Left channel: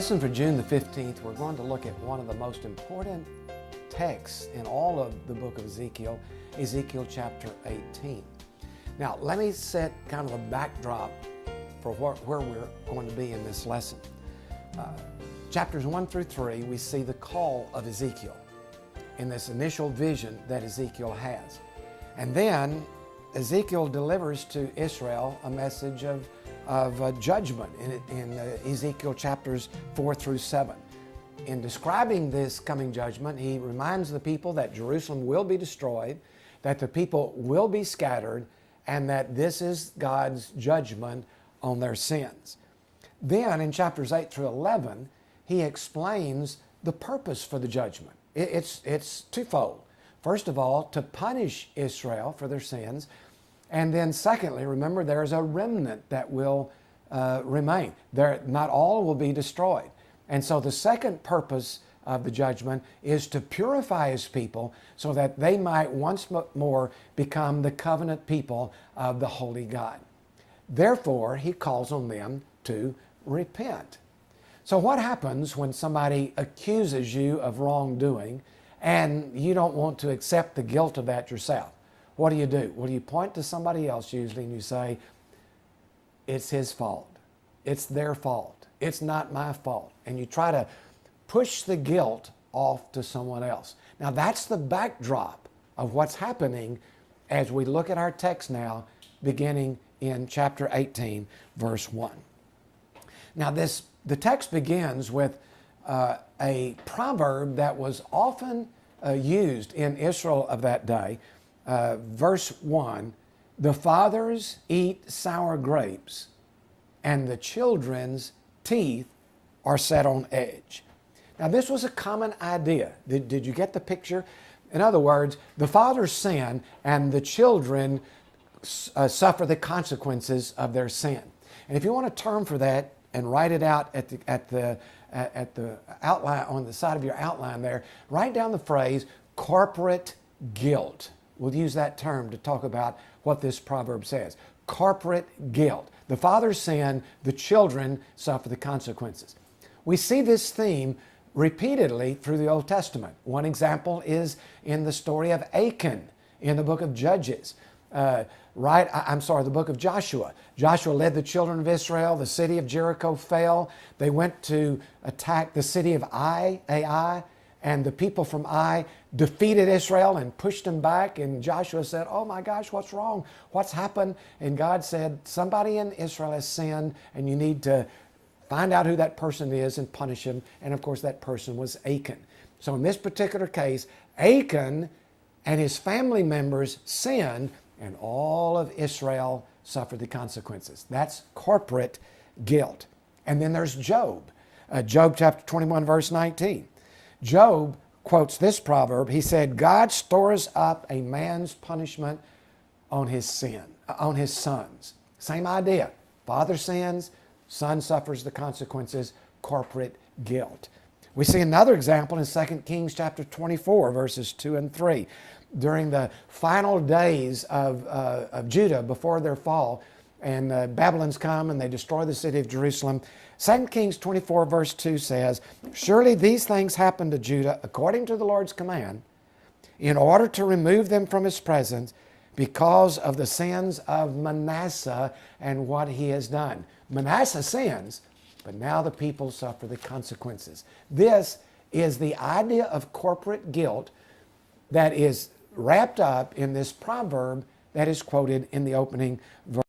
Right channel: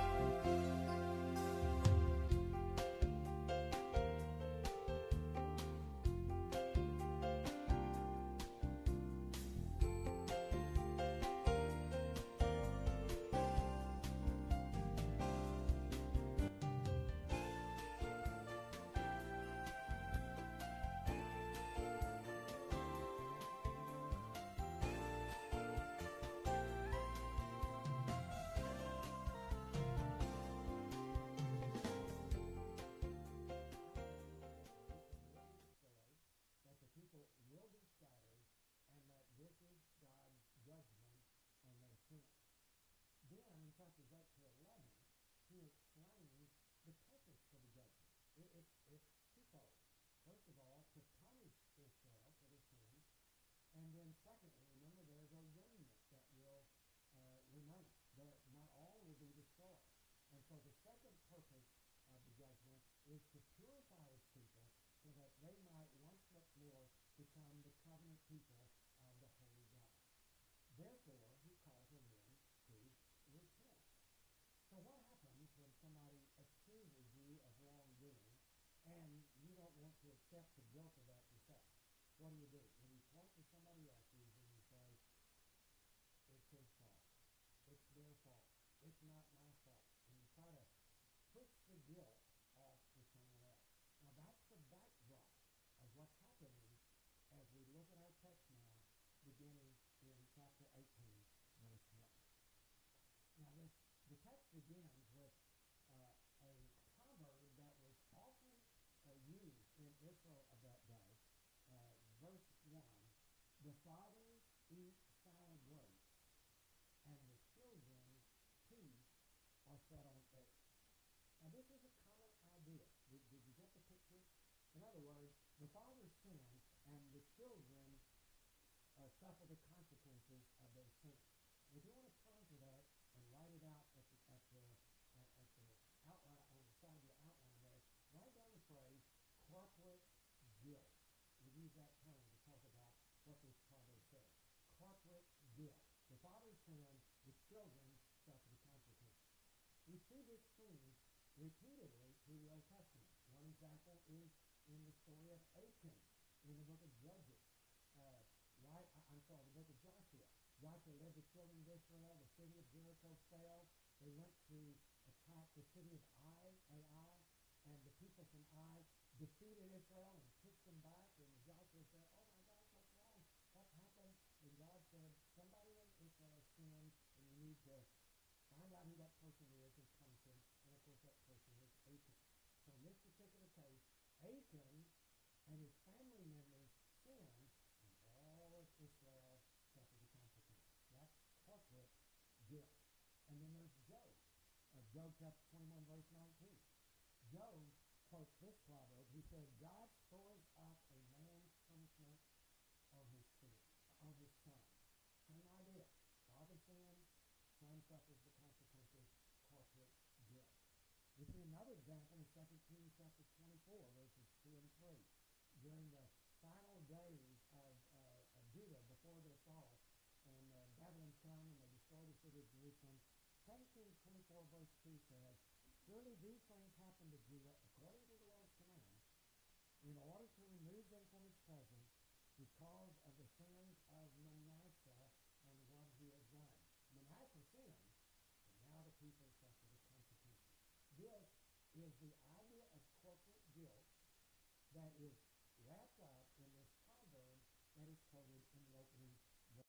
lesson for June the 15th, we're going to look at one of the most important texts in all of the book of Ezekiel, Ezekiel chapter 18. Now, let me set kind of a backdrop for where we're going to be in this lesson. Chapters 1 through 3, we see the call of Ezekiel in this initial vision that Ezekiel has. And then Ezekiel delivers to Israel a message of judgment in Ezekiel chapters 4 through 7. In describing this coming judgment, he reminds the people that Jerusalem will be destroyed, that the people will be scattered, and that this is God's judgment on their sins. Then in chapters 8 through 11, he explains the purpose for the judgment. It's twofold. First of all, to punish Israel for their sins. And then secondly, remember, there's a remnant that will remain. Not all will be destroyed. And so the second purpose of the judgment is to purify his people so that they might once more become the covenant people of the holy God. Therefore, he calls on them to repent. So what happens when somebody accuses you of wrongdoing and you don't want to accept the guilt of that yourself? What do? Well, you point to somebody else usually and you say, it's his fault. It's their fault. It's not my fault. And you try to push the guilt off to someone else. Now that's the backdrop of what's happening as we look at our text now, beginning in chapter 18, verse 1. Now the text begins with a proverb that was often used in Israel of that day. Verse 1, the fathers eat sour grapes, and the children's teeth are set on edge. Now this was a common idea. Did you get the picture? In other words, the fathers sin, and the children suffer the consequences of their sin. And if you want a term for that and write it out at the outline, on the side of your outline there, write down the phrase corporate guilt. We'll use that term to talk about what this proverb says. Corporate guilt. The fathers sin, the children suffer the consequences. We see this theme repeatedly through the Old Testament. One example is in the story of Achan in the book of Judges. The book of Joshua. Joshua led the children of Israel. The city of Jericho fell. They went to attack the city of Ai, and the people from Ai defeated Israel and pushed them back. And Joshua said, oh my gosh, what's wrong? What's happened? And God said, somebody in Israel has sinned, and you need to find out who that person is and punish him. And of course, that person was Achan. So in this particular case, Achan and his family members sinned, and all of Israel suffered the consequences. That's corporate guilt. And then there's Job. Job chapter 21, verse 19. Job quotes this proverb. He said, God stores up a man's punishment on his sons. Same idea. Father sins, son suffers the consequences, corporate guilt. We see another example in 2 Kings chapter 24, verses 2 and 3. During the final days of Judah before their fall, and Babylon's come and they destroy the city of Jerusalem. 2 Kings 24 verse 2 says, surely these things happened to Judah according to the Lord's command, in order to remove them from his presence because of the sins of Manasseh and what he has done. Manasseh sins, but now the people suffer the consequences. This is the idea of corporate guilt that is wrapped up in this proverb that is quoted in the opening verse.